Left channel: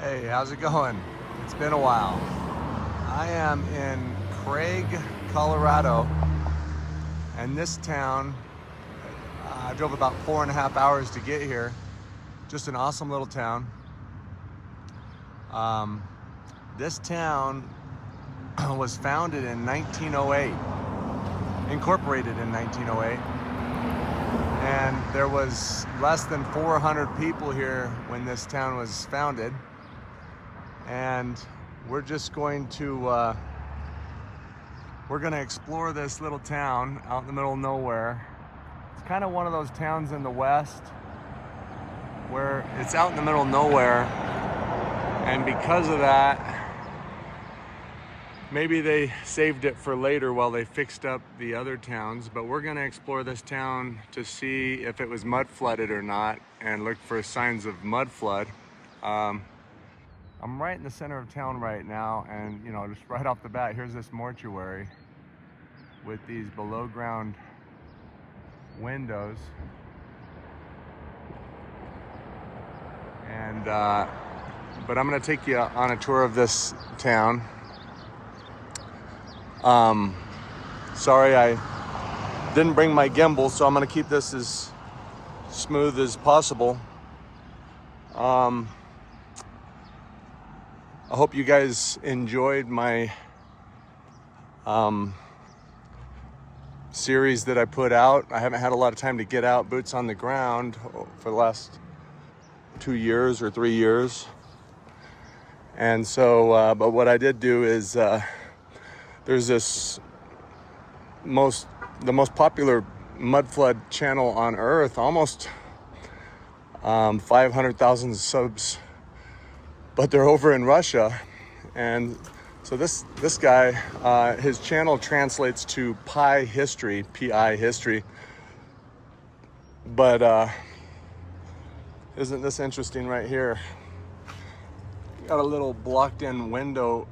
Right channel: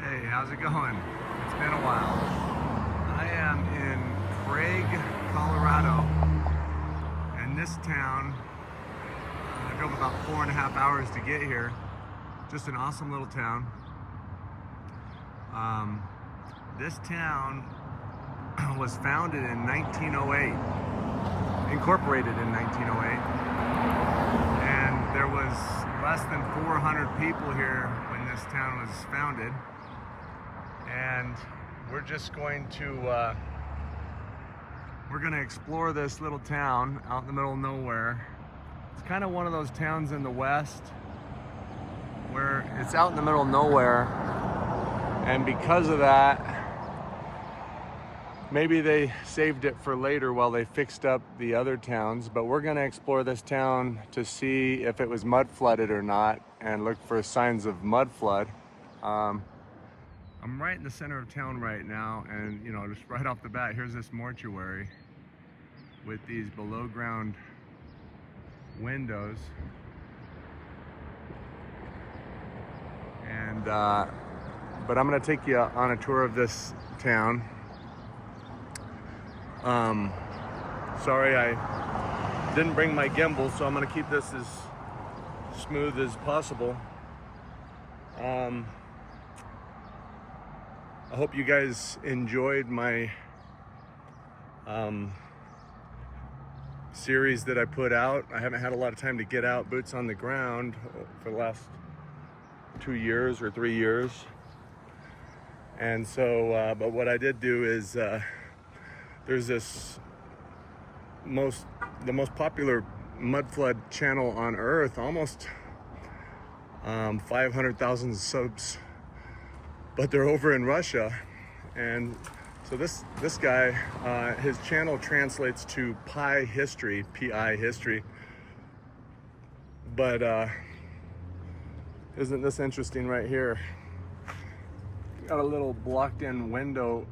Hey, how's it going? It's been a while. I am in Craig, Colorado, and this town, I drove about 4.5 hours to get here. Just an awesome little town. This town was founded in 1908, incorporated in 1908, and there was less than 400 people here when this town was founded. And we're just going to explore this little town out in the middle of nowhere. It's kind of one of those towns in the West where it's out in the middle of nowhere, and because of that, maybe they saved it for later while they fixed up the other towns. But we're going to explore this town to see if it was mud flooded or not and look for signs of mud flood. I'm right in the center of town right now, and just right off the bat, here's this mortuary with these below ground windows. And but I'm gonna take you on a tour of this town. Sorry I didn't bring my gimbal, so I'm gonna keep this as smooth as possible. I hope you guys enjoyed my series that I put out. I haven't had a lot of time to get out boots on the ground for the last 2 years or 3 years. And so, but what I did do is, there's this the most popular mud flood channel on earth, almost 500,000 subs, but they're over in Russia. And so this guy, his channel translates to Pi history, P-I history. But isn't this interesting right here? Got a little blocked in window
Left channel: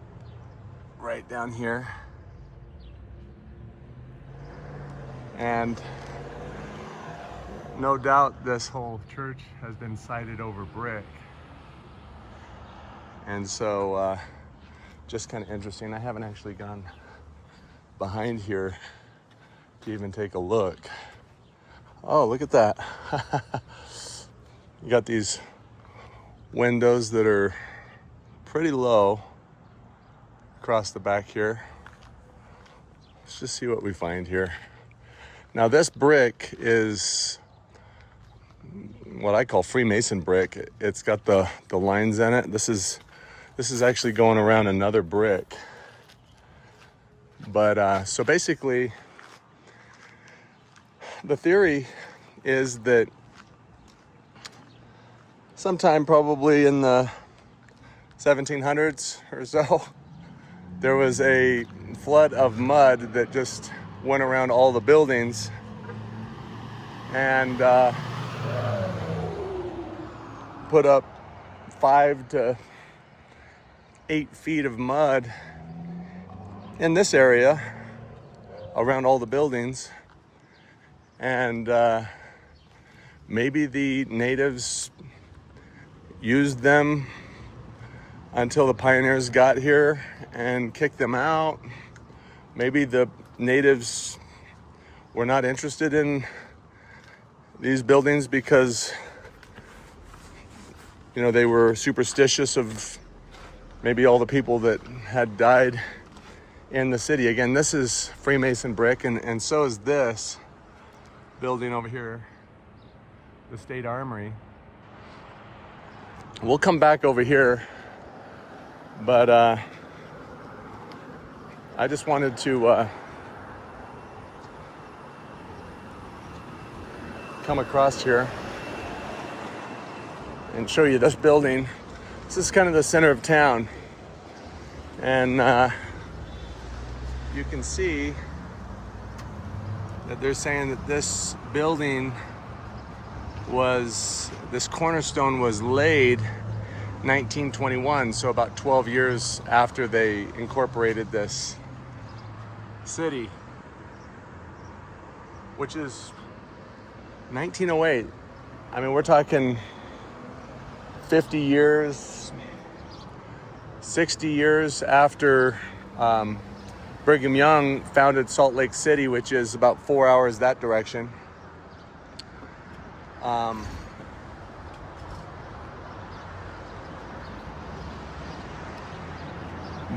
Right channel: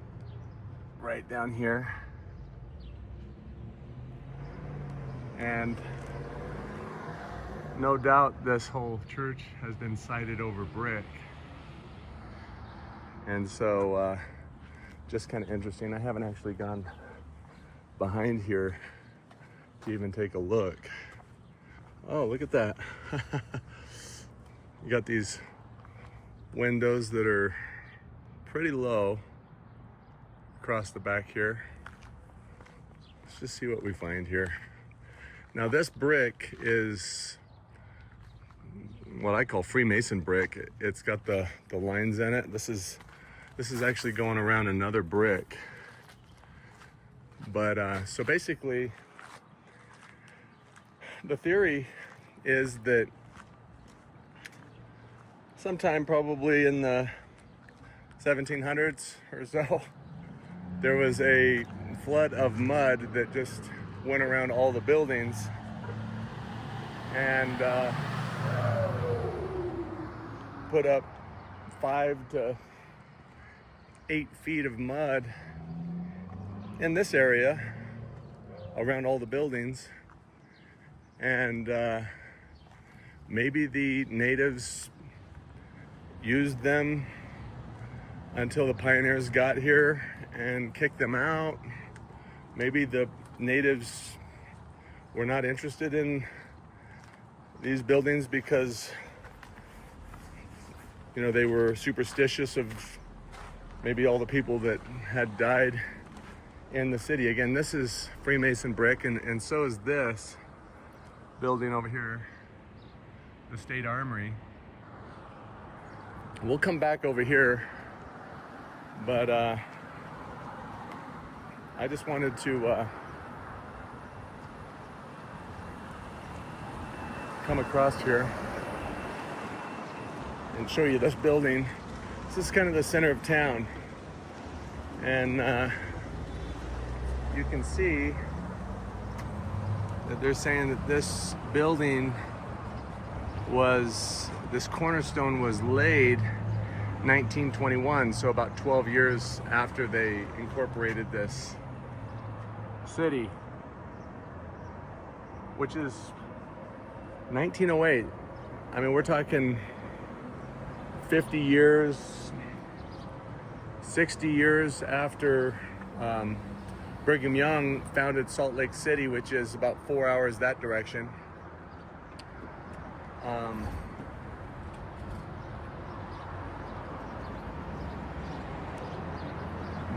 right down here. And no doubt this whole church has been sited over brick. And so, just kind of interesting. I haven't actually gone behind here to even take a look. Oh, look at that. You got these windows that are pretty low across the back here. Let's just see what we find here. Now this brick is what I call Freemason brick. It's got the lines in it. This is actually going around another brick. But so basically, the theory is that sometime probably in the 1700s or so, there was a flood of mud that just went around all the buildings, and put up 5 to 8 feet of mud in this area around all the buildings. And maybe the natives used them until the pioneers got here and kicked them out. Maybe the natives were not interested in these buildings because they were superstitious of maybe all the people that had died in the city. Again, this is Freemason brick, and so is this building over here, the State Armory. We'll come back over here, but I just wanted to come across here and show you this building. This is kind of the center of town, and you can see that they're saying that this building this cornerstone was laid 1921, so about 12 years after they incorporated this city, which is 1908. I mean, we're talking 50 years 60 years after Brigham Young founded Salt Lake City, which is about 4 hours that direction.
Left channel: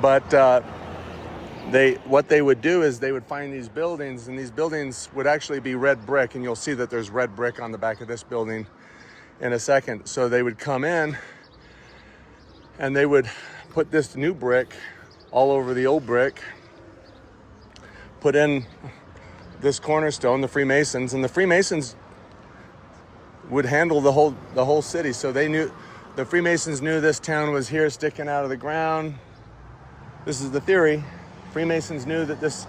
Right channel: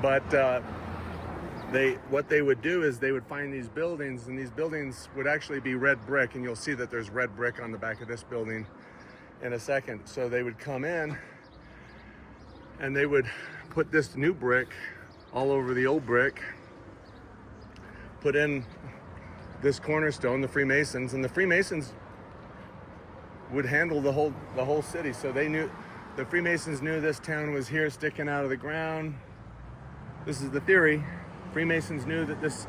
But what they would do is they would find these buildings, and these buildings would actually be red brick, and you'll see that there's red brick on the back of this building in a second. So they would come in and they would put this new brick all over the old brick, put in this cornerstone, the Freemasons, and the Freemasons would handle the whole city. So they knew, the Freemasons knew this town was here sticking out of the ground. This is the theory. Freemasons knew that this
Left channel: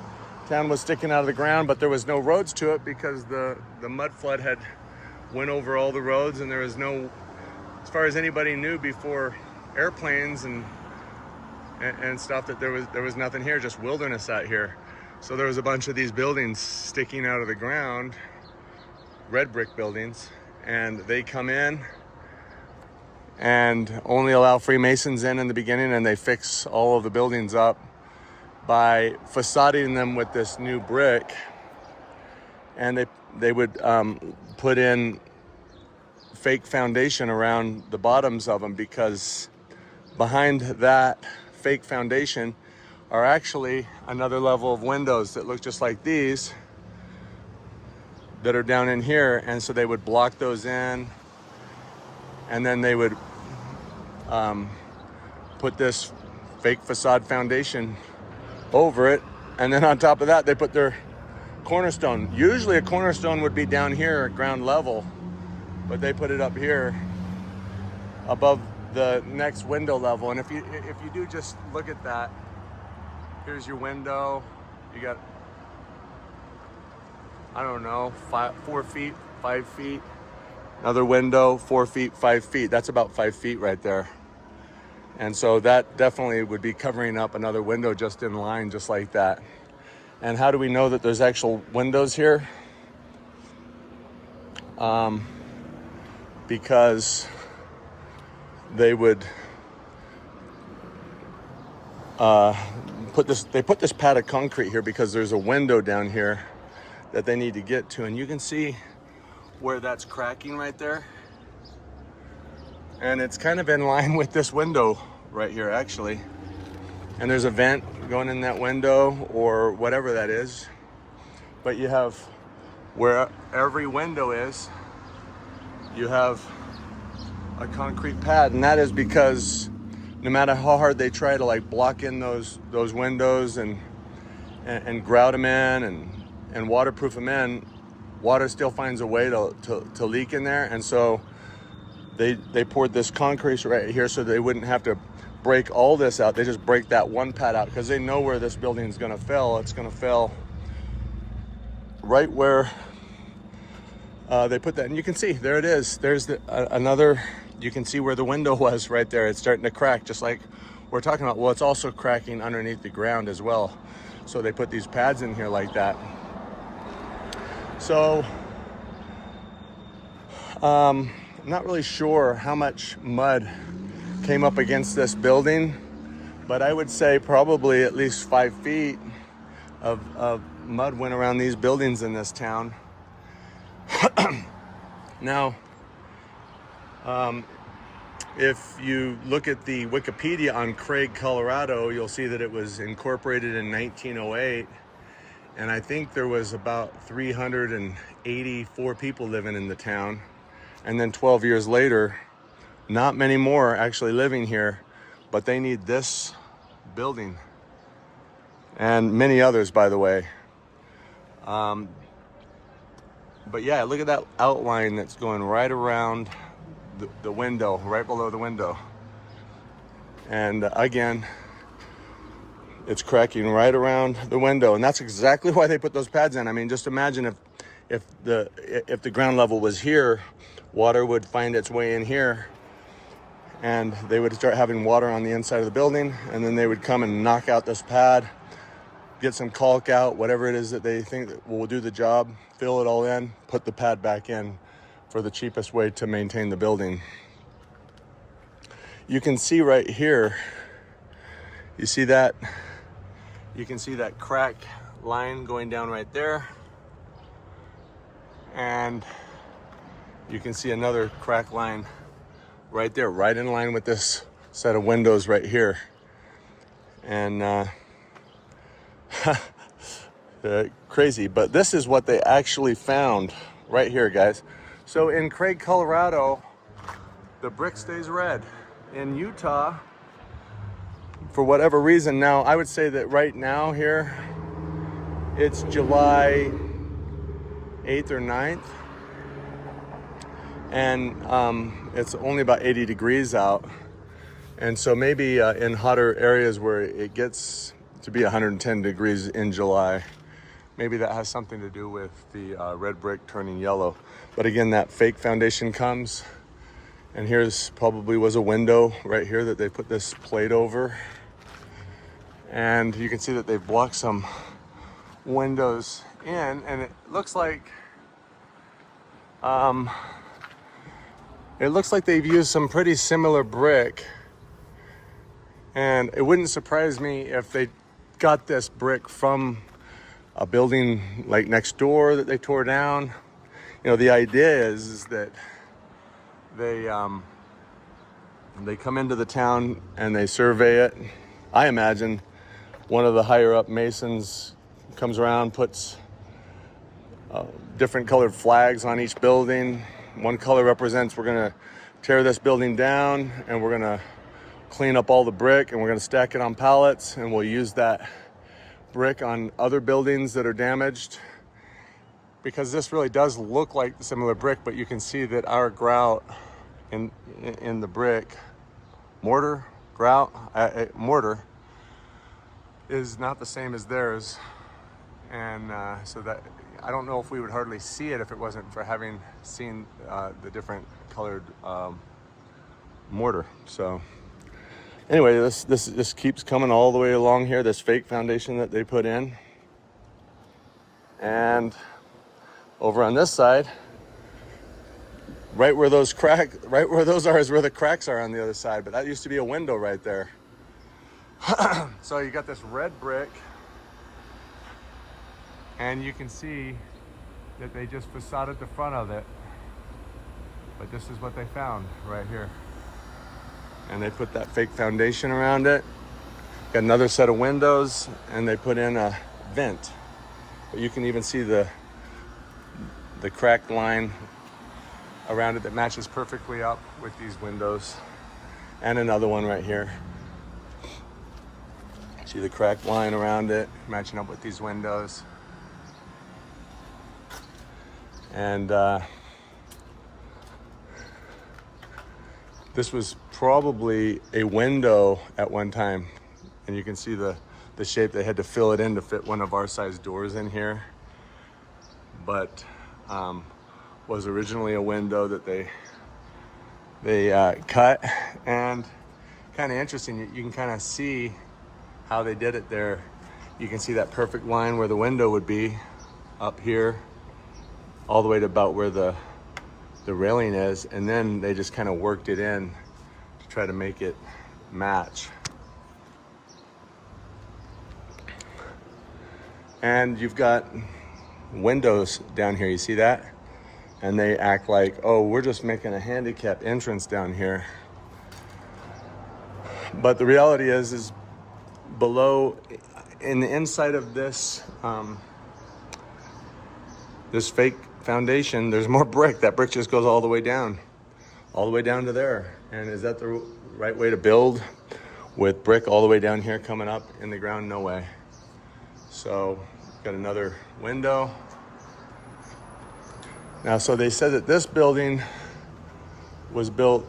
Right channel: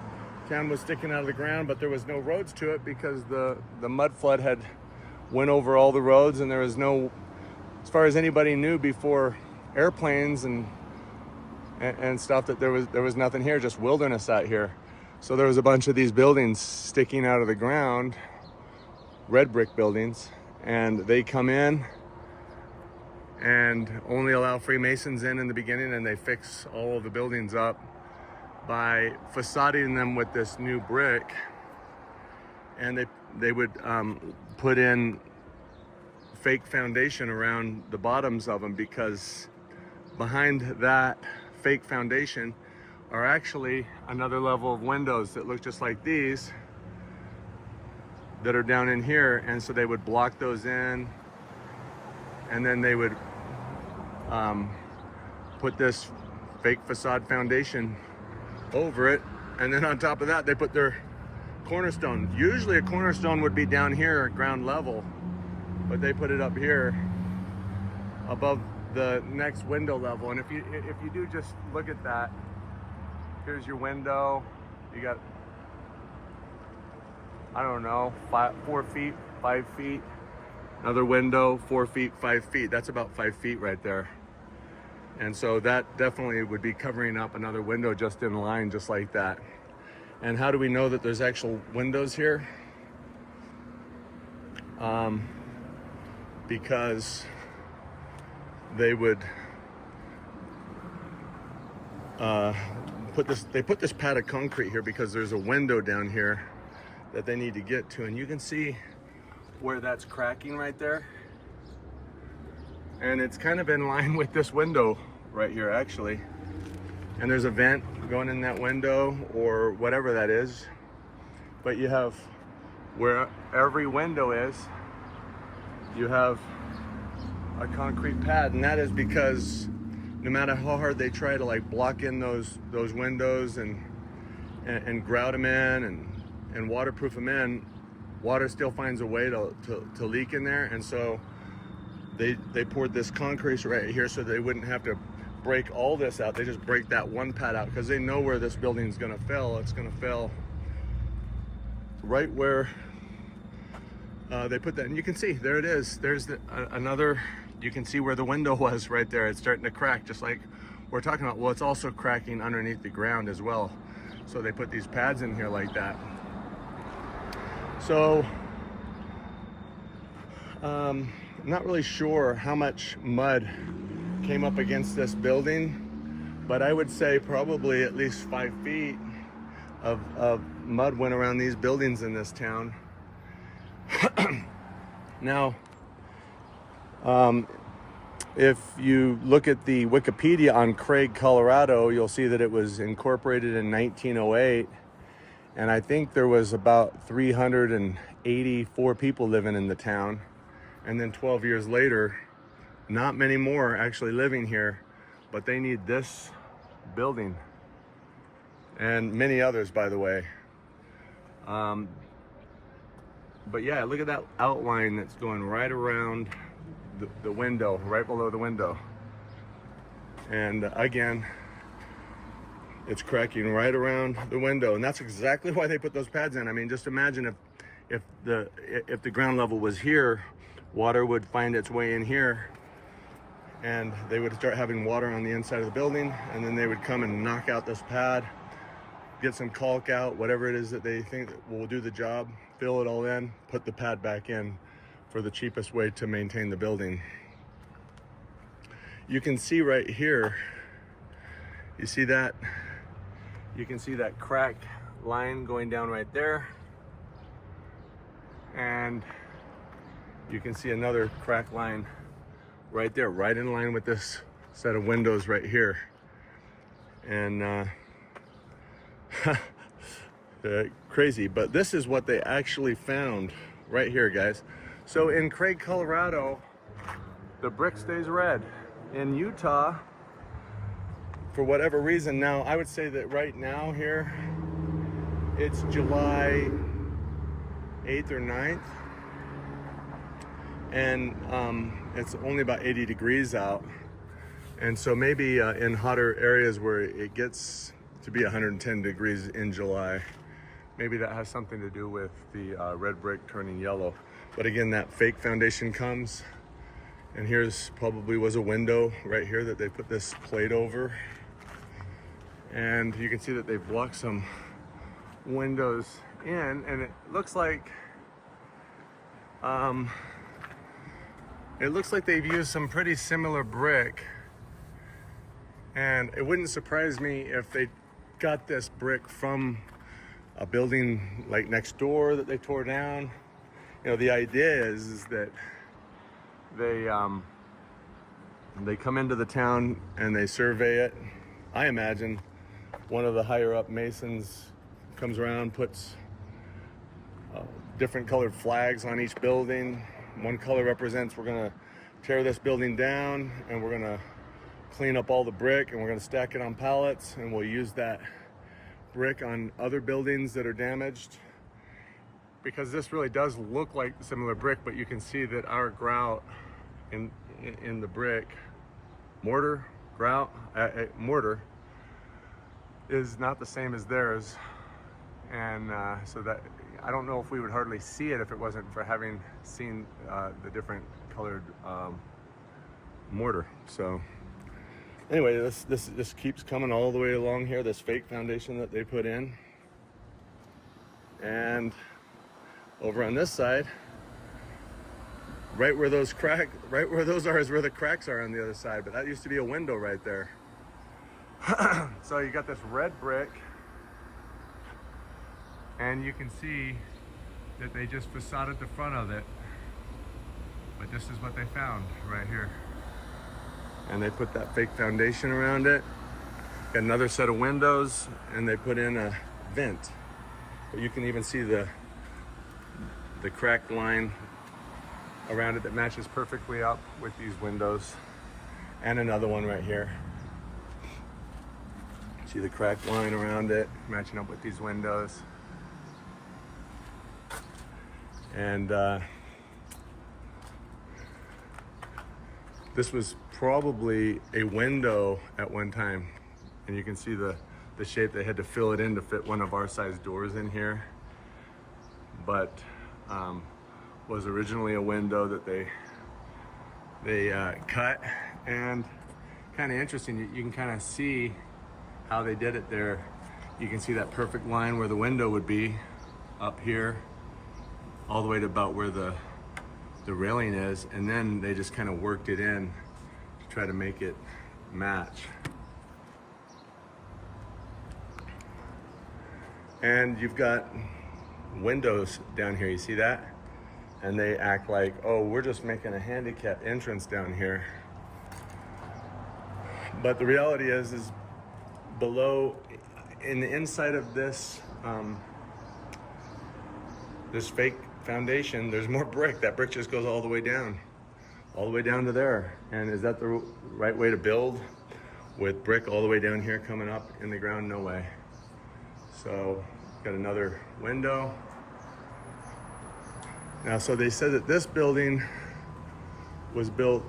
town was sticking out of the ground, but there was no roads to it because the mud flood had went over all the roads, and there was no, as far as anybody knew before airplanes and stuff, that there was nothing here, just wilderness out here. So there was a bunch of these buildings sticking out of the ground, red brick buildings, and they come in and only allow Freemasons in the beginning, and they fix all of the buildings up by facading them with this new brick. And they would put in fake foundation around the bottoms of them, because behind that fake foundation are actually another level of windows that look just like these that are down in here. And so they would block those in, and then they would put this fake facade foundation over it, and then on top of that they put their cornerstone. Usually a cornerstone would be down here at ground level, but they put it up here above the next window level. And if you do just look at that, here's your window. You got, I don't know, 4 feet, 5 feet. Another window, 4 feet, 5 feet. That's about 5 feet right there. And so that definitely would be covering up another window just in line, just like that. And how do we know that there's actual windows here? Because they would put this pad of concrete here because there's a window down here that they need to get to. And you can see where that's cracking right there. And it's kind of in line with this window right here, actually. And there's a vent going in that window or whatever that is. But you have, where every window is, you have a concrete pad. And that is because no matter how hard they try to like block in those windows and grout them in and waterproof them in, water still finds a way to leak in there. And so they poured this concrete right here so they wouldn't have to break all this out. They just break that one pad out because they know where this building is going to fail. It's going to fail right where they put that. And you can see, there it is. There's another, you can see where the window was right there. It's starting to crack, just like we're talking about. Well, it's also cracking underneath the ground as well. So they put these pads in here like that. So I'm not really sure how much mud came up against this building, but I would say probably at least 5 feet of mud went around these buildings in this town. Now, if you look at the Wikipedia on Craig, Colorado, you'll see that it was incorporated in 1908. And I think there was about 384 people living in the town. And then 12 years later, not many more actually living here, but they need this building and many others, by the way. But yeah, look at that outline that's going right around the window, right below the window. And again, it's cracking right around the window. And that's exactly why they put those pads in. I mean, just imagine if the ground level was here, water would find its way in here, and they would start having water on the inside of the building, and then they would come and knock out this pad, get some caulk out, whatever it is that they think that will do the job, fill it all in, put the pad back in for the cheapest way to maintain the building. You can see right here You see that? You can see that crack line going down right there. And you can see another crack line right there, right in line with this set of windows right here. And crazy, but this is what they actually found right here, guys. So in Craig, Colorado, the brick stays red. In Utah, for whatever reason, now I would say that right now here, it's July 8th or 9th, and it's only about 80 degrees out. And so maybe in hotter areas where it gets to be 110 degrees in July, maybe that has something to do with the red brick turning yellow. But again, that fake foundation comes, and here's probably was a window right here that they put this plate over. And you can see that they've blocked some windows in, and it looks like they've used some pretty similar brick. And it wouldn't surprise me if they got this brick from a building like next door that they tore down. You know, the idea is that they come into the town and they survey it. I imagine one of the higher up masons comes around, puts different colored flags on each building. One color represents we're gonna tear this building down and we're gonna clean up all the brick and we're gonna stack it on pallets, and we'll use that brick on other buildings that are damaged. Because this really does look like similar brick, but you can see that our grout in the brick, mortar is not the same as theirs. And so that, I don't know if we would hardly see it if it wasn't for having seen the different colored mortar. So anyway, this keeps coming all the way along here, this fake foundation that they put in. And over on this side, right where those are is where the cracks are on the other side, but that used to be a window right there. So you got this red brick, and you can see that they just facaded the front of it, but this is what they found right here. And they put that fake foundation around it, got another set of windows, and they put in a vent. But you can even see the cracked line around it that matches perfectly up with these windows. And another one right here. See the cracked line around it, matching up with these windows. And this was probably a window at one time. And you can see the shape. They had to fill it in to fit one of our size doors in here. But was originally a window that they cut. And kind of interesting, you can kind of see how they did it there. You can see that perfect line where the window would be up here, all the way to about where the railing is, and then they just kind of worked it in to try to make it match. And you've got windows down here, you see that? And they act like, oh, we're just making a handicap entrance down here. But the reality is below, in the inside of this this fake foundation, there's more brick. That brick just goes all the way down to there. And is that the right way to build with brick all the way down here coming up in the ground? No way. So got another window. Now, so they said that this building was built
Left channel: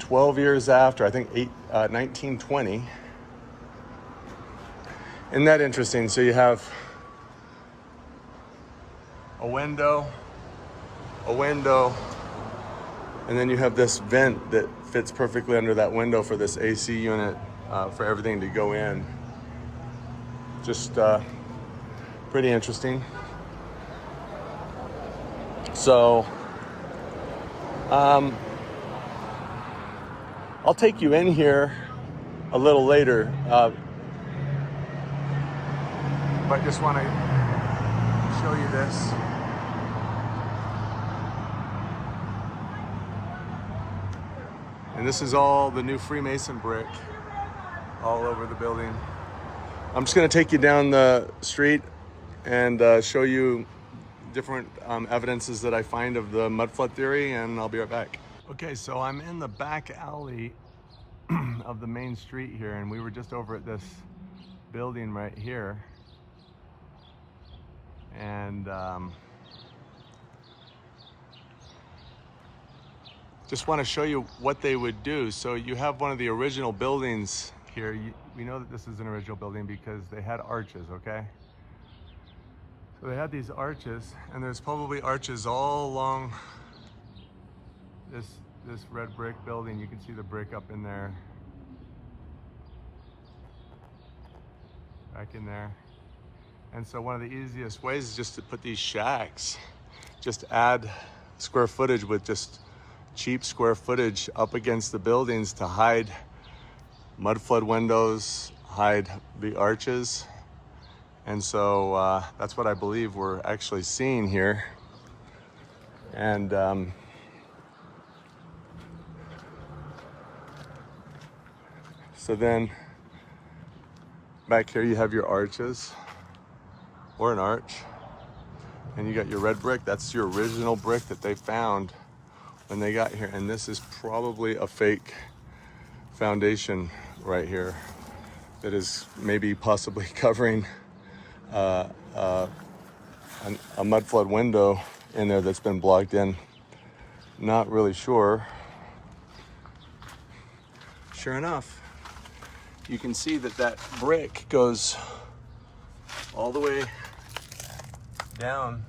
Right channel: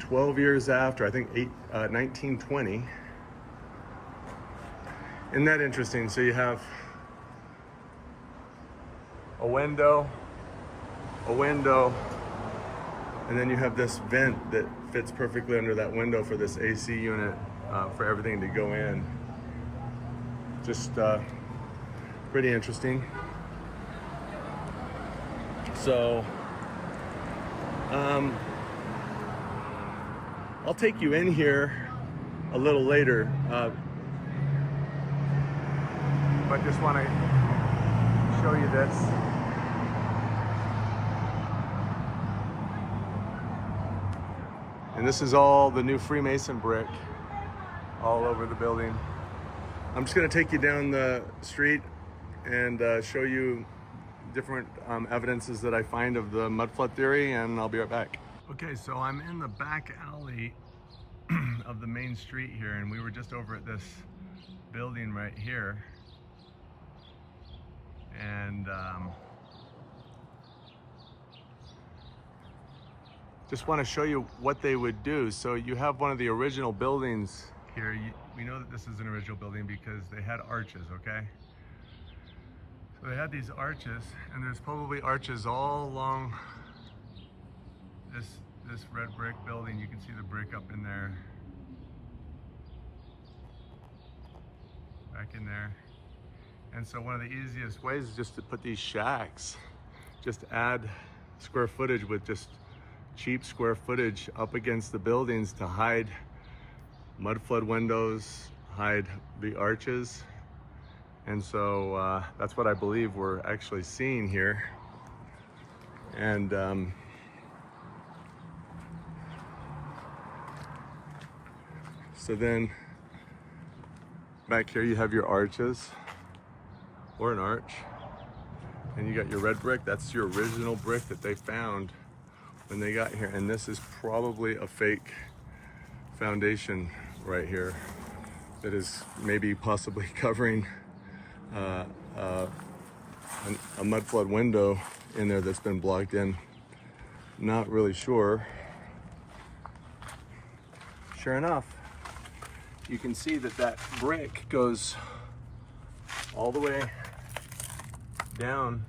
12 years after, I think 1920. Isn't that interesting? So you have a window, and then you have this vent that fits perfectly under that window for this AC unit, for everything to go in. Just pretty interesting. So I'll take you in here a little later, but just want to show you this. And this is all the new Freemason brick all over the building. I'm just going to take you down the street and show you different evidences that I find of the mudflood theory, and I'll be right back. Okay, so I'm in the back alley of the main street here, and we were just over at this building right here. And just want to show you what they would do. So you have one of the original buildings here. We know that this is an original building because they had arches, okay? So they had these arches, and there's probably arches all along this red brick building. You can see the brick up in there, back in there. And so one of the easiest ways is just to put these shacks, just add square footage with just cheap square footage up against the buildings to hide mudflood windows, hide the arches. And so that's what I believe we're actually seeing here. And so then back here you have your arches, or an arch, and you got your red brick. That's your original brick that they found when they got here. And this is probably a fake foundation right here that is maybe possibly covering a mudflood window in there that's been blocked in. Not really sure. Sure enough, you can see that that brick goes all the way down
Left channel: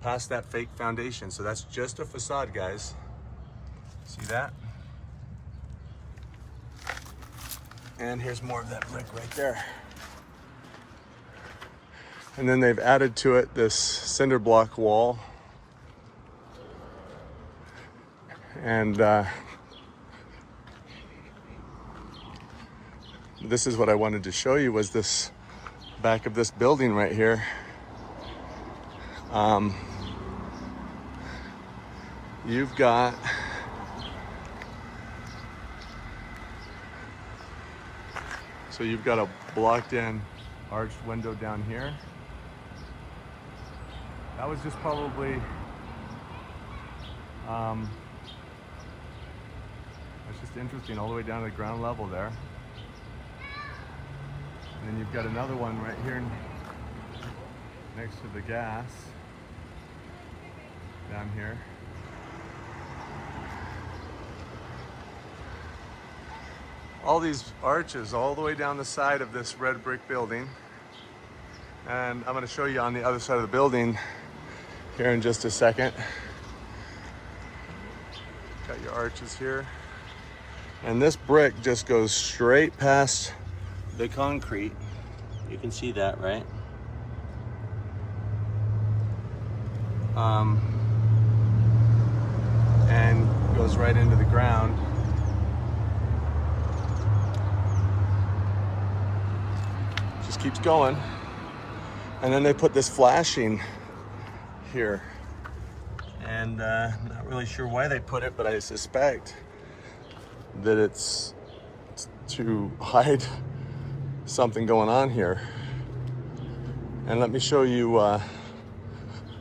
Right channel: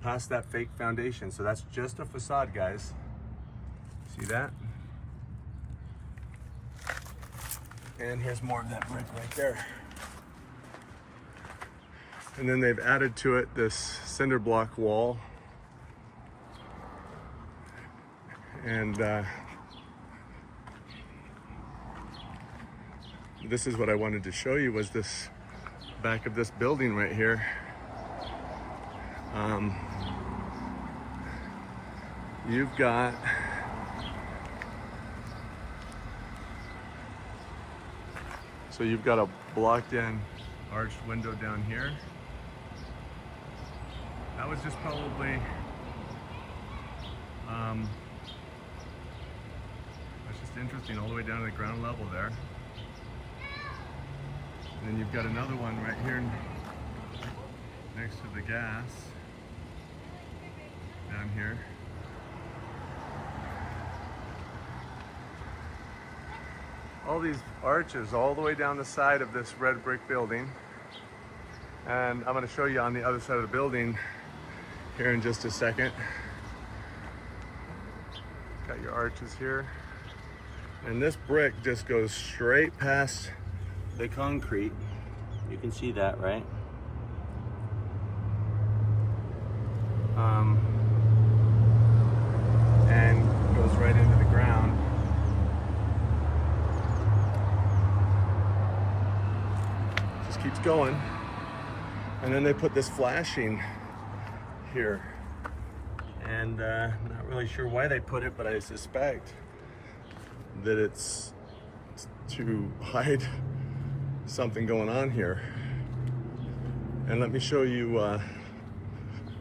past that fake foundation. So that's just a facade, guys. See that? And here's more of that brick right there. And then they've added to it this cinder block wall. And this is what I wanted to show you, was this back of this building right here. You've got a blocked in arched window down here. That was just probably that's just interesting, all the way down to the ground level there. And then you've got another one right here next to the gas down here. All these arches all the way down the side of this red brick building. And I'm going to show you on the other side of the building here in just a second. Got your arches here. And this brick just goes straight past the concrete. You can see that, right? And goes right into the ground. Just keeps going. And then they put this flashing here. And not really sure why they put it, but I suspect that it's to hide something going on here. And let me show you,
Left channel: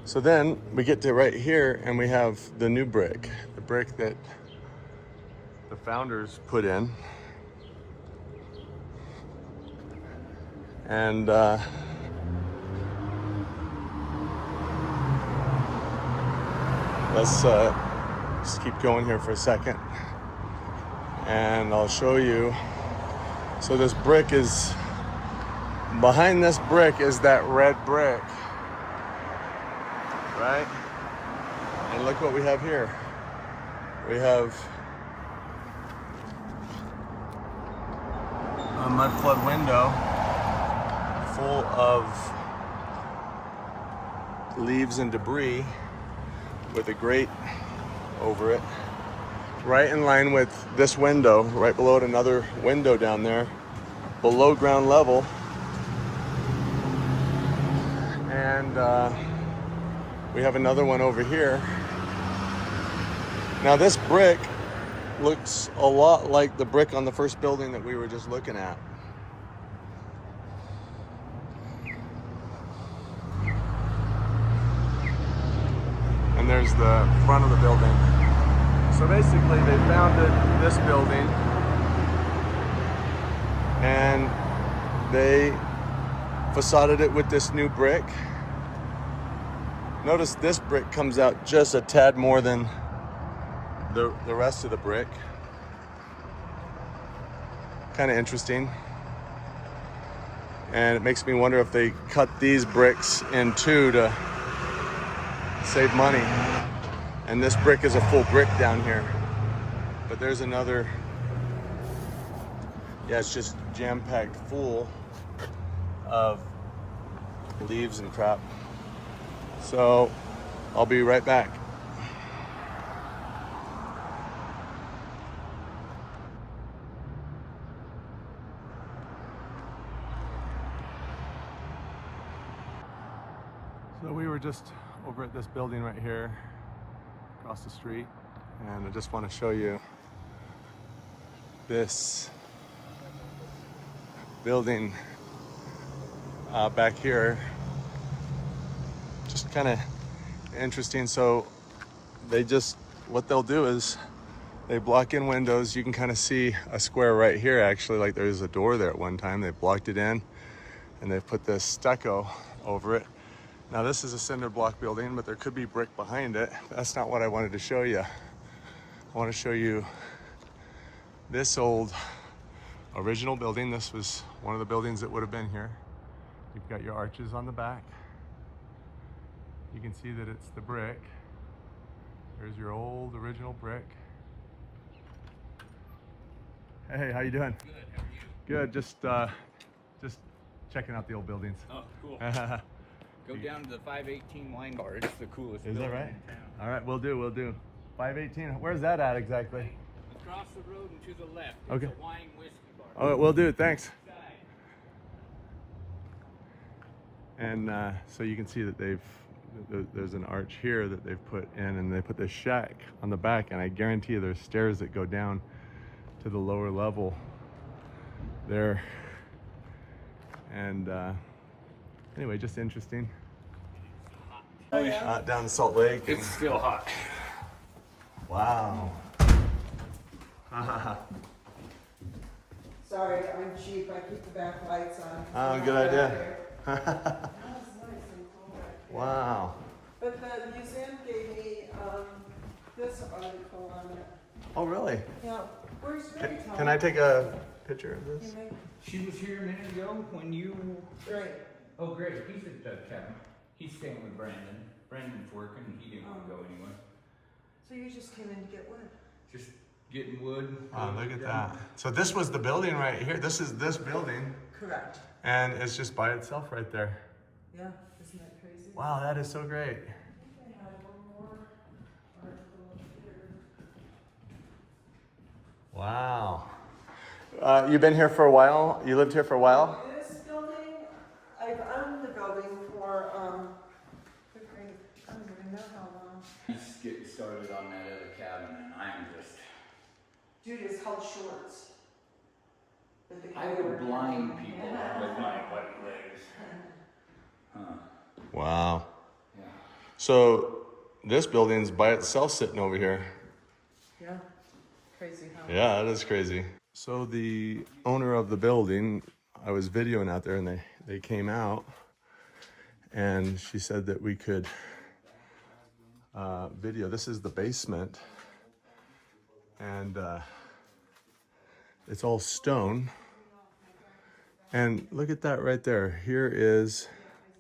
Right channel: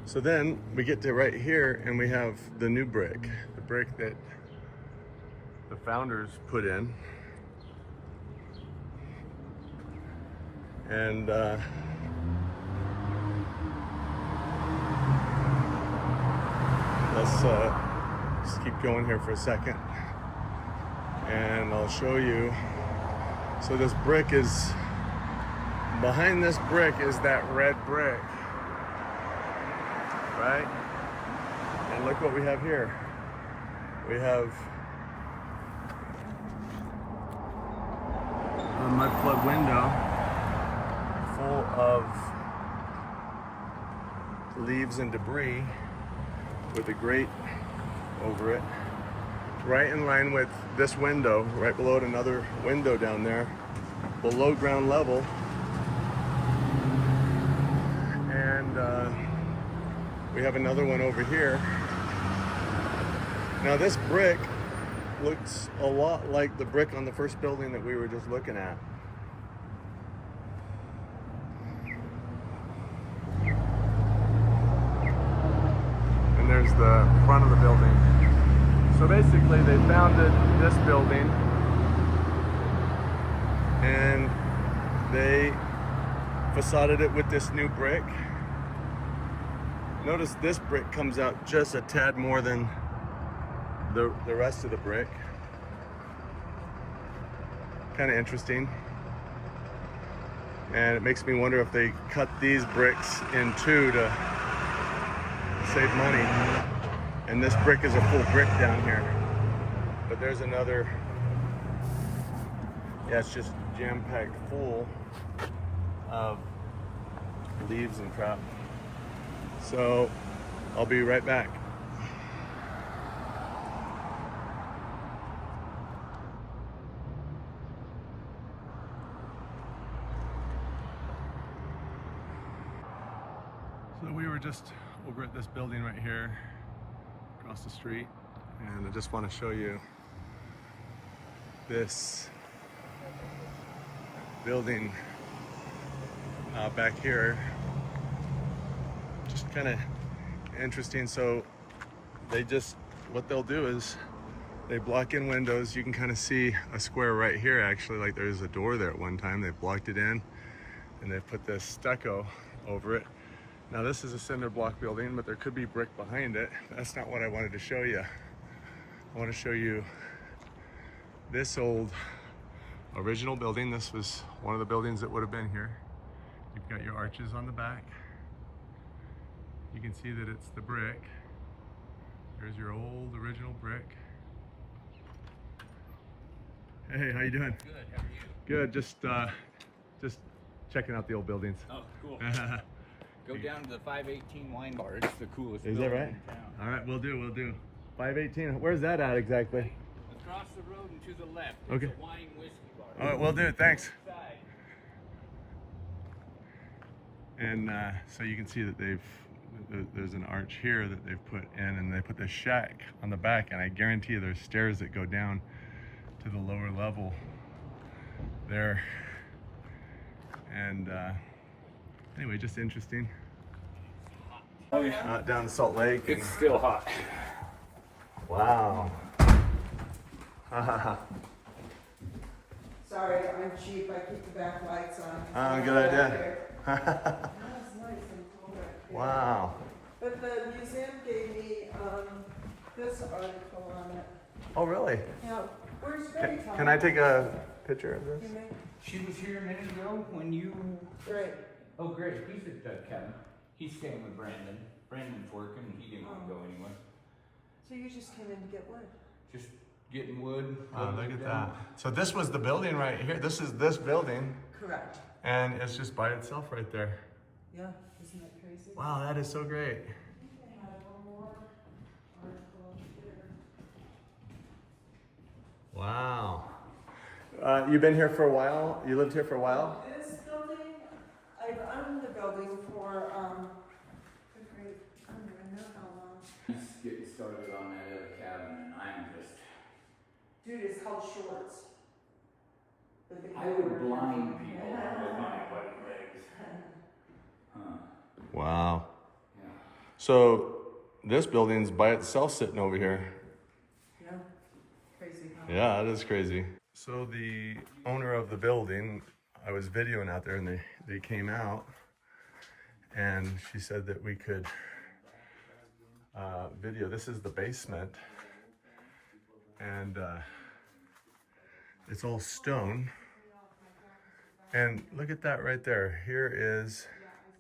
so then we get to right here and we have the new brick, the brick that the founders put in. And let's just keep going here for a second, and I'll show you. So this brick is, behind this brick is that red brick, right? And look what we have here. We have a mudflood window full of leaves and debris with a grate over it. right in line with this window, right below it, another window down there, below ground level. And we have another one over here. Now this brick looks a lot like the brick on the first building that we were just looking at. And there's the front of the building. So basically they founded this building and they facaded it with this new brick. Notice this brick comes out just a tad more than the rest of the brick. Kind of interesting. And it makes me wonder if they cut these bricks in two to save money. And this brick is a full brick down here. But there's another, yeah, it's just jam-packed full of leaves and crap. So I'll be right back. So we were just over at this building right here across the street, and I just want to show you this building back here. Just kind of interesting. So they just, what they'll do is they block in windows. You can kind of see a square right here actually, like there's a door there at one time. They blocked it in and they put this stucco over it. Now this is a cinder block building, but there could be brick behind it. That's not what I wanted to show you. I want to show you this old original building. This was one of the buildings that would have been here. You've got your arches on the back. You can see that it's the brick. There's your old original brick. Hey, how you doing? Good, how are you? Good, just checking out the old buildings. Oh, cool. Go down to the 518 wine bar. It's the coolest. Is that right? All right, we'll do. 518. Where's that at exactly? Across the road and to the left. Okay. It's a wine whiskey bar. Oh, we'll do. Thanks. And so you can see that there's an arch here that they've put in, and they put this shack on the back, and I guarantee you there's stairs that go down to the lower level there. And anyway, just interesting. Oh, yeah. Down Salt Lake. It's still hot. Wow. Sorry, I'm cheap. I keep the back lights on. Oh, good idea. That was nice and cool back there. Wow. But the museum gave me this article on it. Oh, really? Yeah. Where's Ferry? Can I take a picture of this? She was here a minute ago when you... Great. Oh, great. He's at the cabin. He's staying with Brandon. Brandon's working. He didn't want to go anywhere. So you just came in to get wood? Just getting wood. Oh, look at that. So this was the building right here. This is this building. Correct. And it's just by itself right there. Yeah. Isn't that crazy? Wow, that is so great. I have one more article here. Wow. You've been here for a while? You lived here for a while? This building, I've owned the building for, I don't even know how long. He's getting started on that other cabin, and I'm just... Dude, it's called shorts. I would blind people with my white legs. Huh. Wow. So this building's by itself sitting over here. Yeah. Crazy, huh? Yeah, that is crazy. So the owner of the building, I was videoing out there, and they came out, and she said that we could video. This is the basement, and it's all stone. And look at that right there. Here is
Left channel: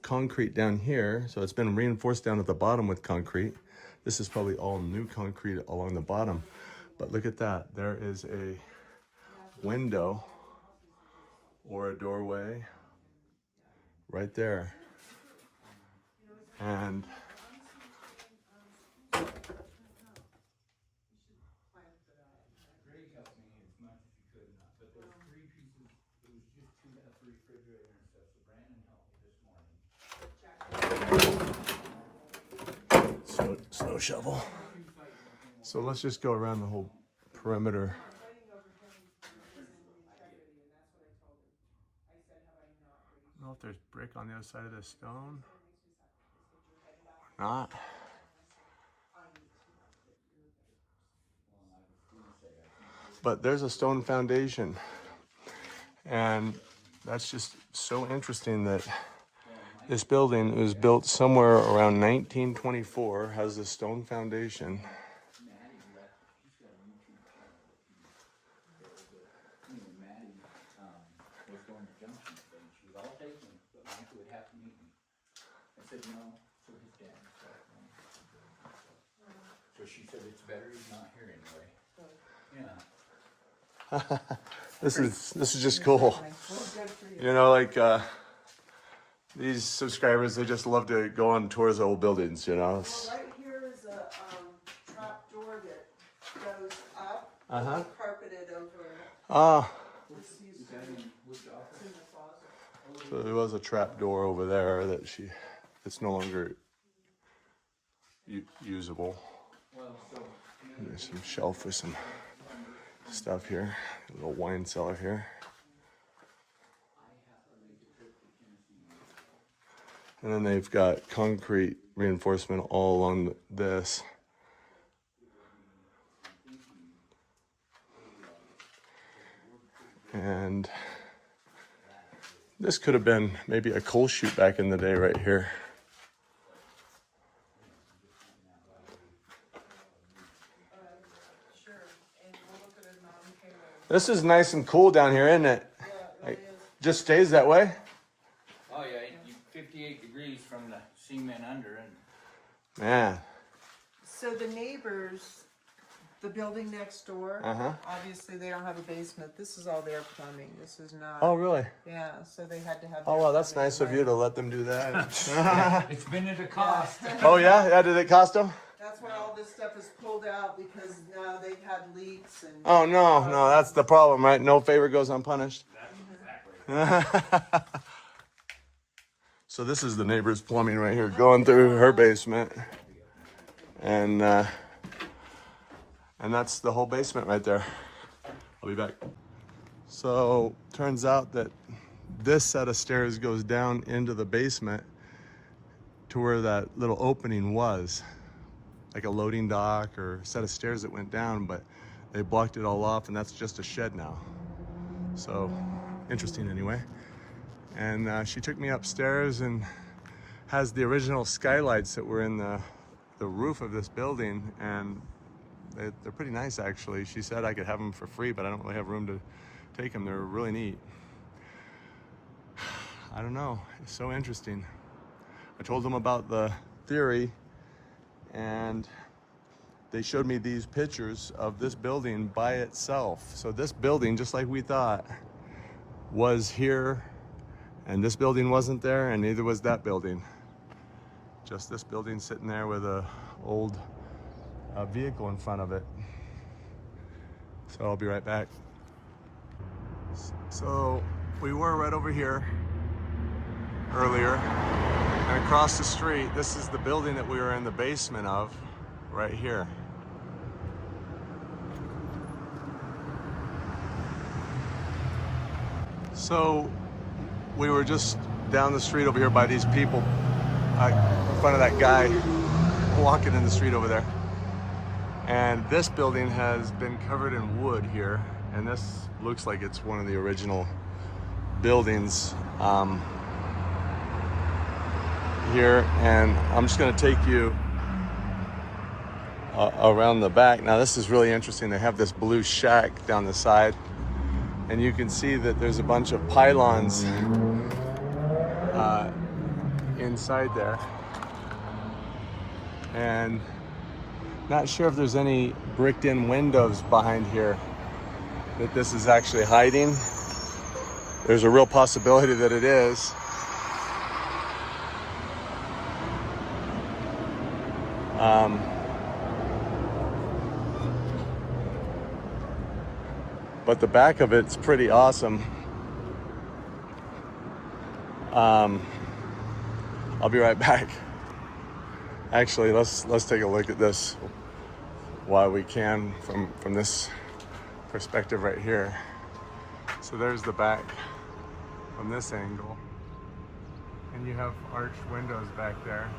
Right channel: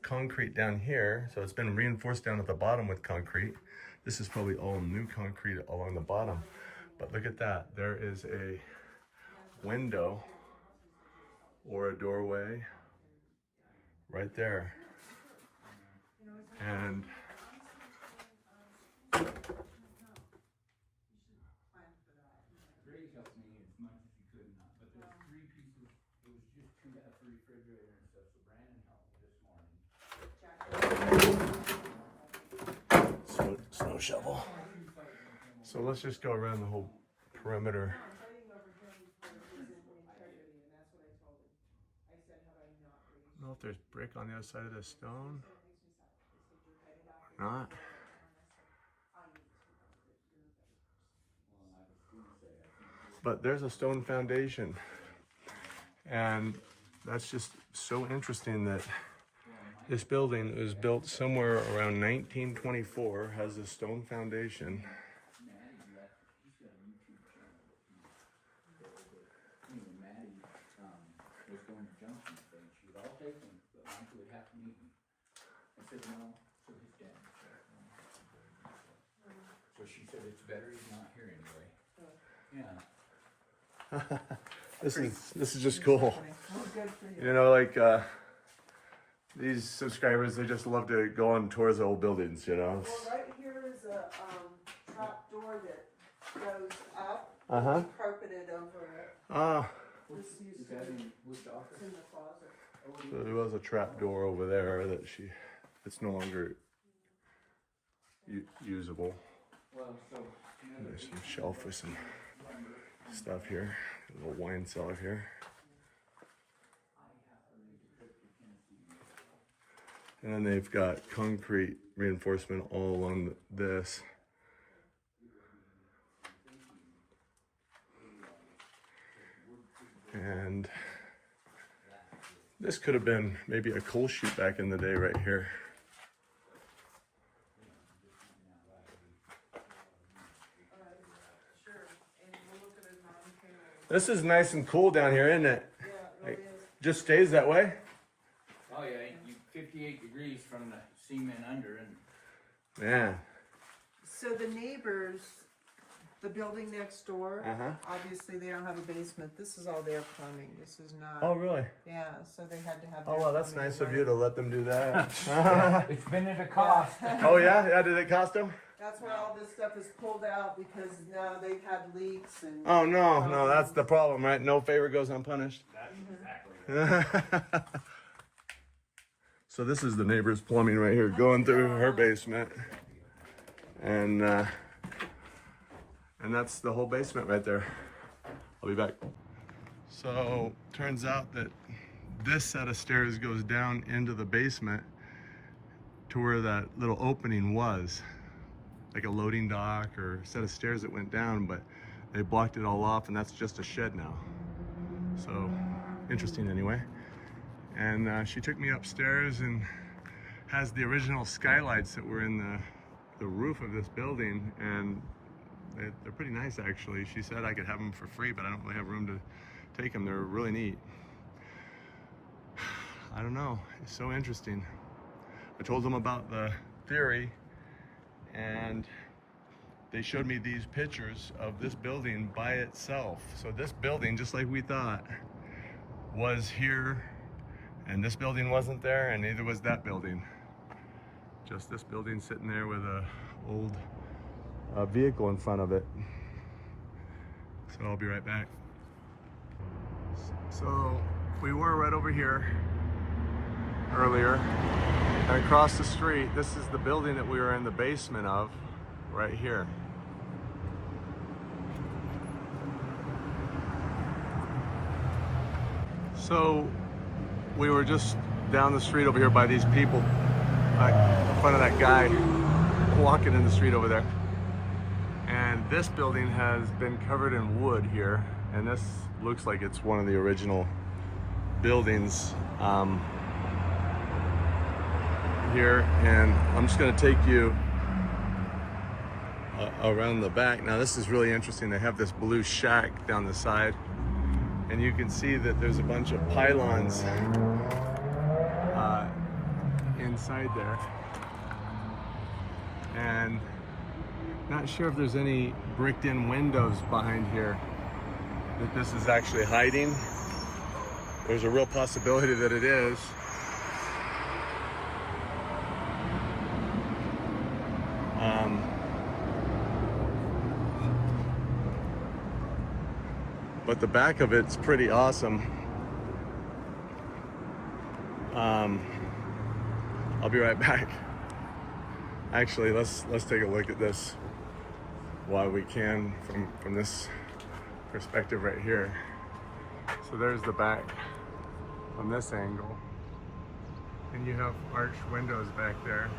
concrete down here. So it's been reinforced down at the bottom with concrete. This is probably all new concrete along the bottom. But look at that. There is a window or a doorway right there. And there's 3 pieces, it was just 2 at the refrigerator and stuff, so Brandon helped me this morning. Snow shovel. So let's just go around the whole perimeter. I don't know if there's brick on the other side of the stone or not. But there's a stone foundation. And that's just so interesting that this building was built somewhere around 1924, has a stone foundation. So she said it's better he's not here anyway. Yeah. This is just cool. You know, like these subscribers, they just love to go on tours of old buildings, you know. Well, right here is a trap door that goes up. Uh-huh. Carpeted over it. Ah. This used to be it's in the closet. So there was a trap door over there that it's no longer usable. There's some shelf with some stuff here. A little wine cellar here. And then they've got concrete reinforcement all along this. And this could have been maybe a coal chute back in the day right here. This is nice and cool down here, isn't it? Yeah, it Like, is. just stays that way? Oh yeah, 58 degrees from the cement under and Man. So the neighbors, the building next door, obviously they don't have a basement. This is all their plumbing. This is not. Oh, really? Yeah, so they had to have. Oh, their well, that's plumbing nice of right. you to let them do that. it's been at a cost. Oh, yeah? Yeah, did it cost them? That's why all this stuff is pulled out because they've had leaks and. Oh, no, that's the problem, right? No favor goes unpunished. That's exactly. So this is the neighbor's plumbing right here, going through her basement. And that's the whole basement right there. I'll be back. So turns out that this set of stairs goes down into the basement to where that little opening was, like a loading dock or a set of stairs that went down, but they blocked it all off and that's just a shed now. So interesting anyway. And she took me upstairs and has the original skylights that were in the roof of this building, and they're pretty nice actually. She said I could have them for free, but I don't really have room to take them. They're really neat. I don't know, it's so interesting. I told them about the theory, and they showed me these pictures of this building by itself. So this building, just like we thought, was here, and this building wasn't there, and neither was that building. Just this building sitting there with a old vehicle in front of it. So I'll be right back. So we were right over here earlier, and across the street, this is the building that we were in the basement of, right here. So we were just down the street over here by these people, in front of that guy walking in the street over there. And this building has been covered in wood here, and this looks like it's one of the original buildings here. And I'm just going to take you around the back. Now this is really interesting. They have this blue shack down the side, and you can see that there's a bunch of pylons inside there, and not sure if there's any bricked in windows behind here that this is actually hiding. There's a real possibility that it is. but the back of it's pretty awesome. I'll be right back. Actually, let's take a look at this while we can from this perspective right here. So there's the back from this angle, and you have arched windows back there.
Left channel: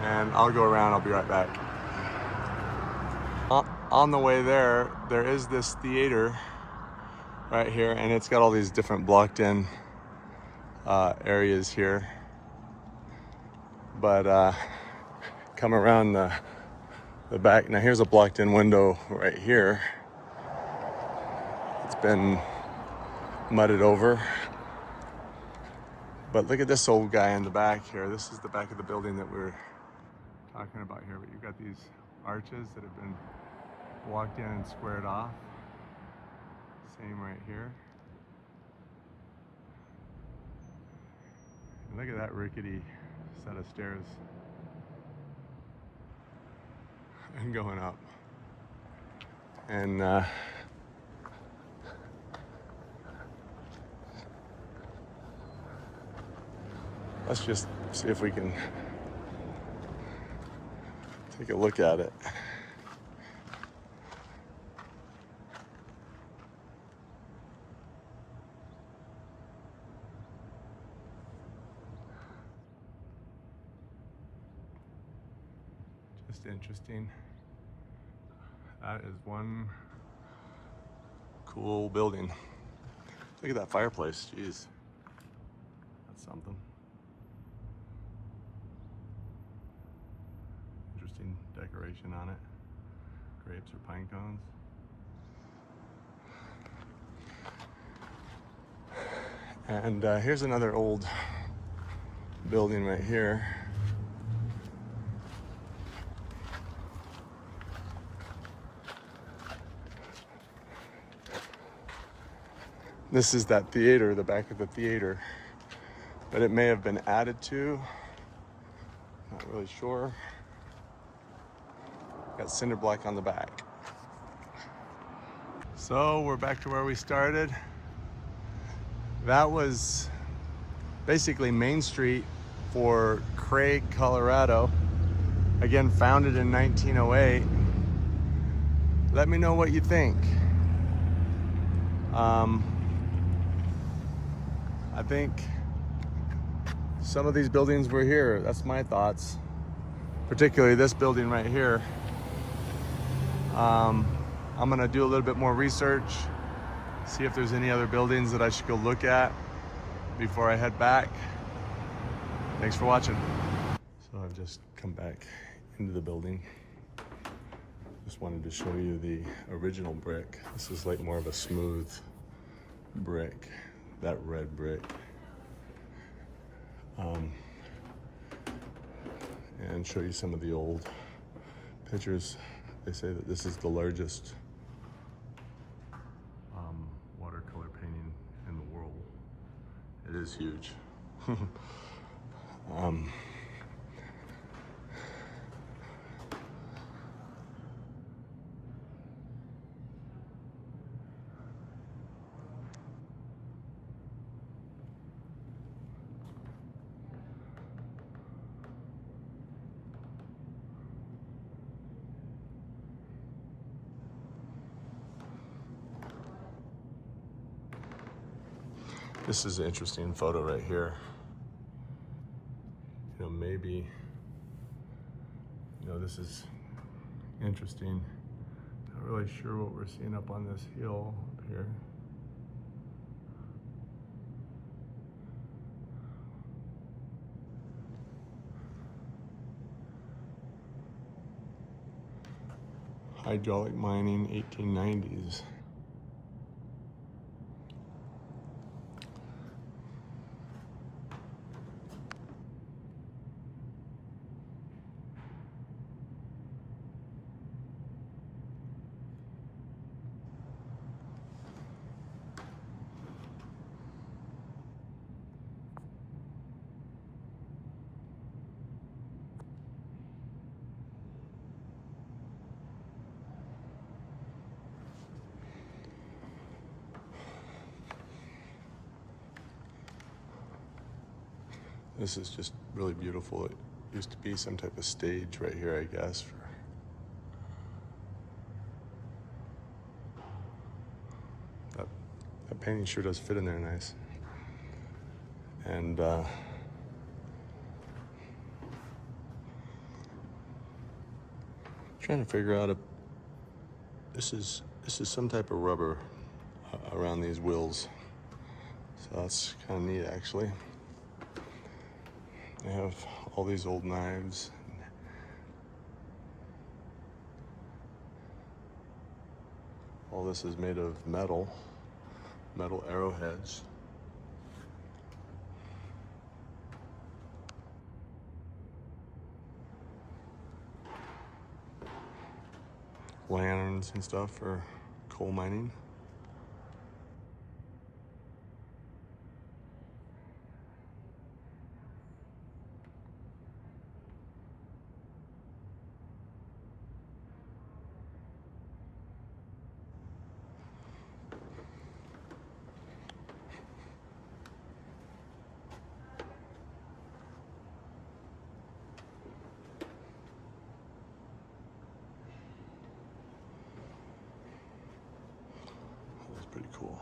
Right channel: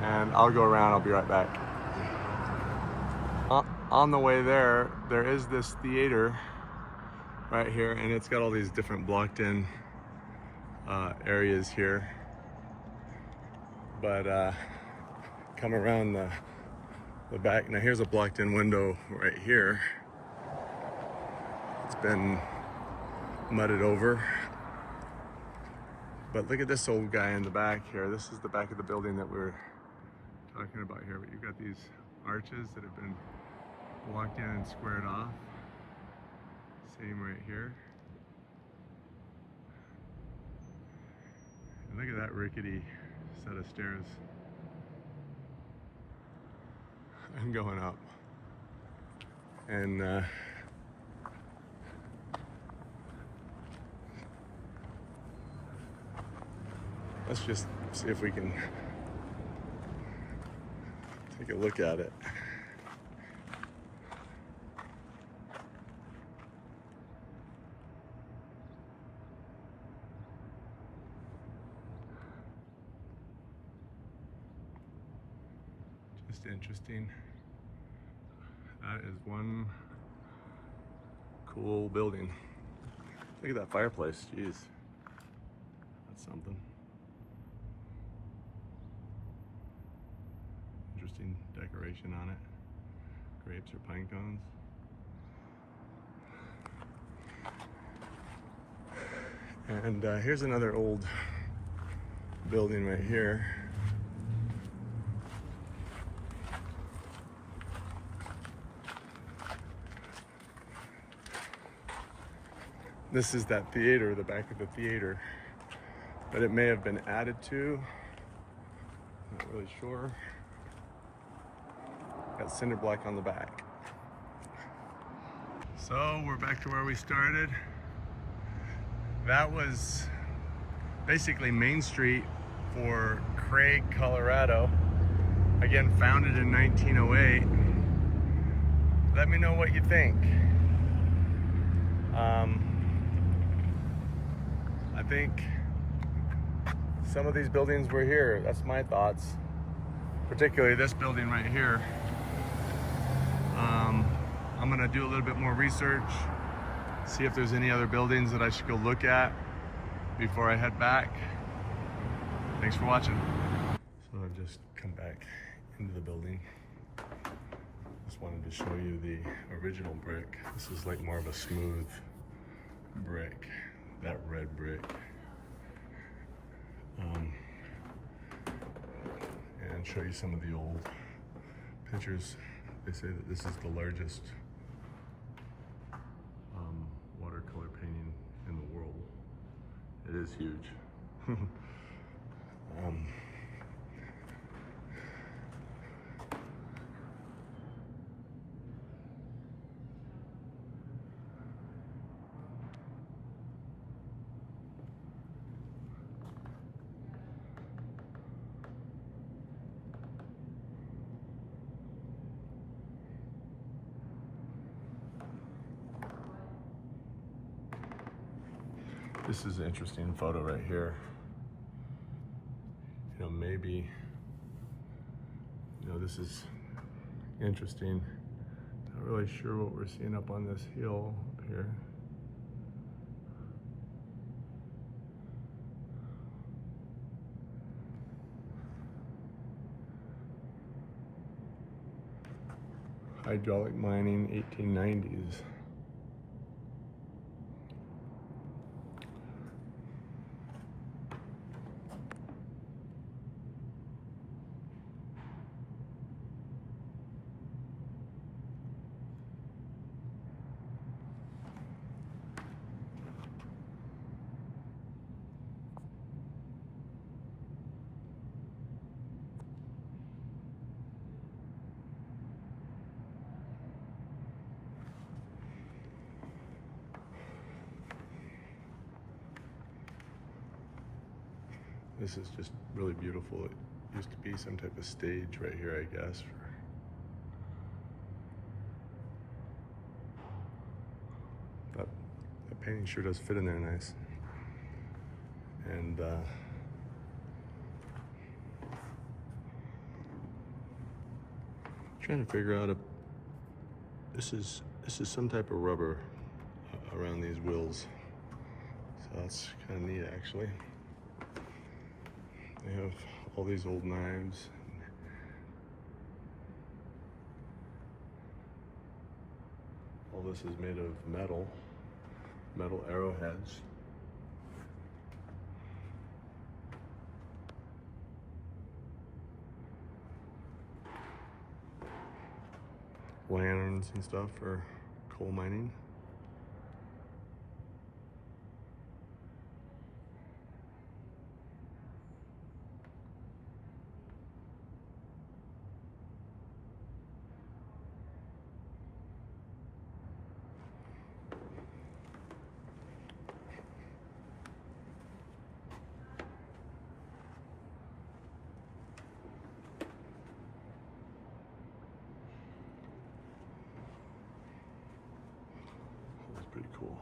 And I'll go around, I'll be right back. On the way there is this theater right here, and it's got all these different blocked in areas here. But come around the back. Now here's a blocked in window right here. It's been mudded over. But look at this old guy in the back here. This is the back of the building that we're talking about here. But you've got these arches that have been blocked in and squared off. Same right here. And look at that rickety set of stairs and going up. And let's just see if we can take a look at it. Just interesting. That is one cool building. Look at that fireplace, jeez. That's something. Interesting decoration on it. Grapes or pine cones. And here's another old building right here. This is that theater, the back of the theater, but it may have been added to. Not really sure. Got cinder block on the back. So we're back to where we started. That was basically Main Street for Craig, Colorado. Again, founded in 1908. Let me know what you think. I think some of these buildings were here. That's my thoughts. Particularly this building right here. I'm gonna do a little bit more research, see if there's any other buildings that I should go look at before I head back. Thanks for watching. So I've just come back into the building. Just wanted to show you the original brick. This is like more of a smooth brick, that red brick. And show you some of the old pictures. They say that this is the largest watercolor painting in the world. It is huge. This is an interesting photo right here. You know, maybe, you know, this is interesting. Not really sure what we're seeing up on this hill up here. Hydraulic mining, 1890s. This is just really beautiful. It used to be some type of stage right here, I guess. That painting sure does fit in there nice. And trying to figure out if this is some type of rubber around these wheels. So that's kind of neat, actually. They have all these old knives. All this is made of metal arrowheads. Lanterns and stuff for coal mining. That's pretty cool.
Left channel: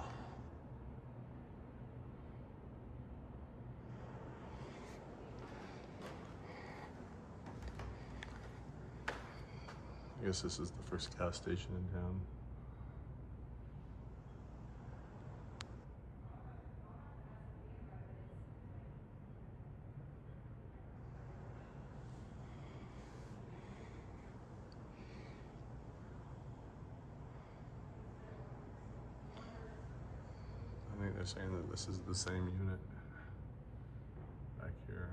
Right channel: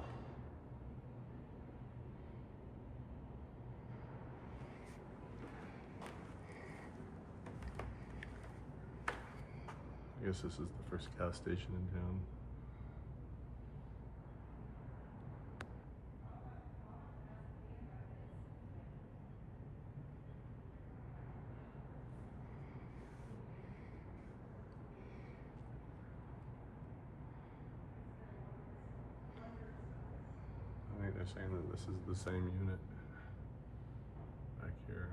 I guess this is the first gas station in town. I think they're saying that this is the same unit back here.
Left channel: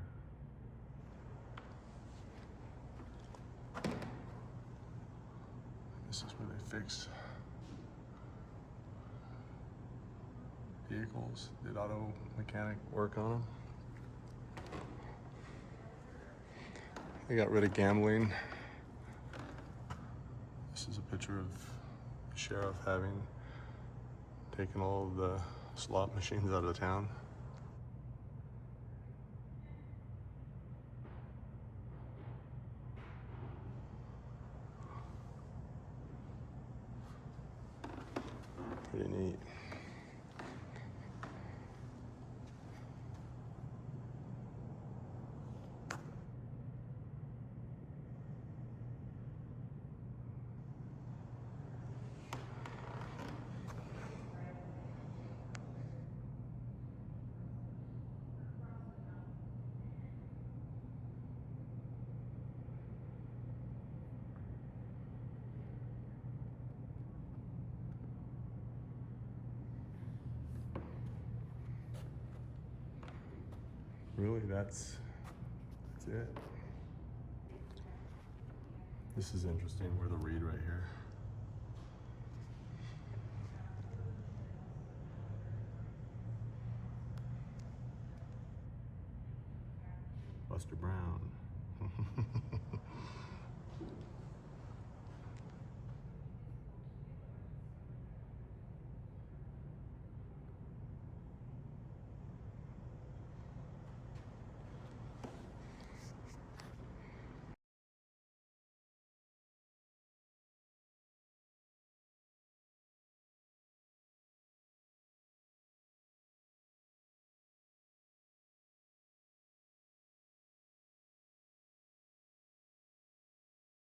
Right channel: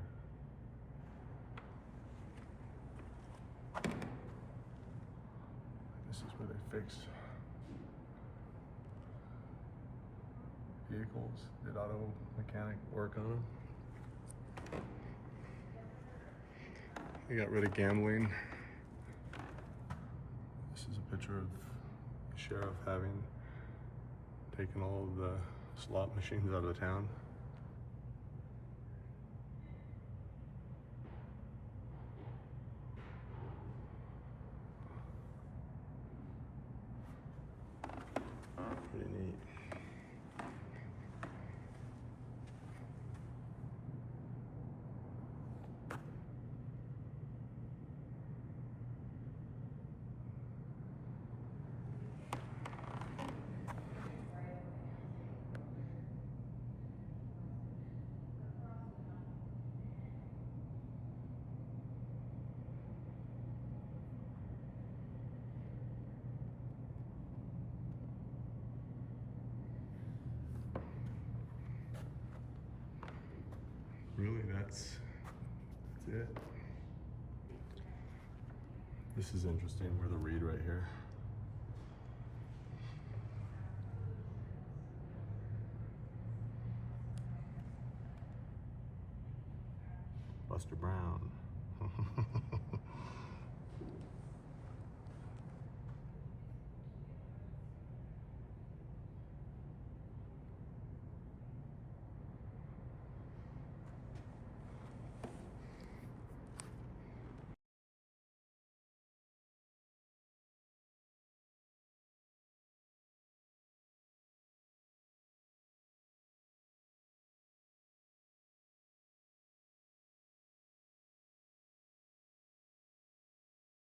This is where they fix vehicles, did auto mechanic work on them. They got rid of gambling. This is a picture of the sheriff having taken all of the slot machines out of town. Pretty neat. Really, that's it. This is interesting. We're the reed right here. Buster Brown.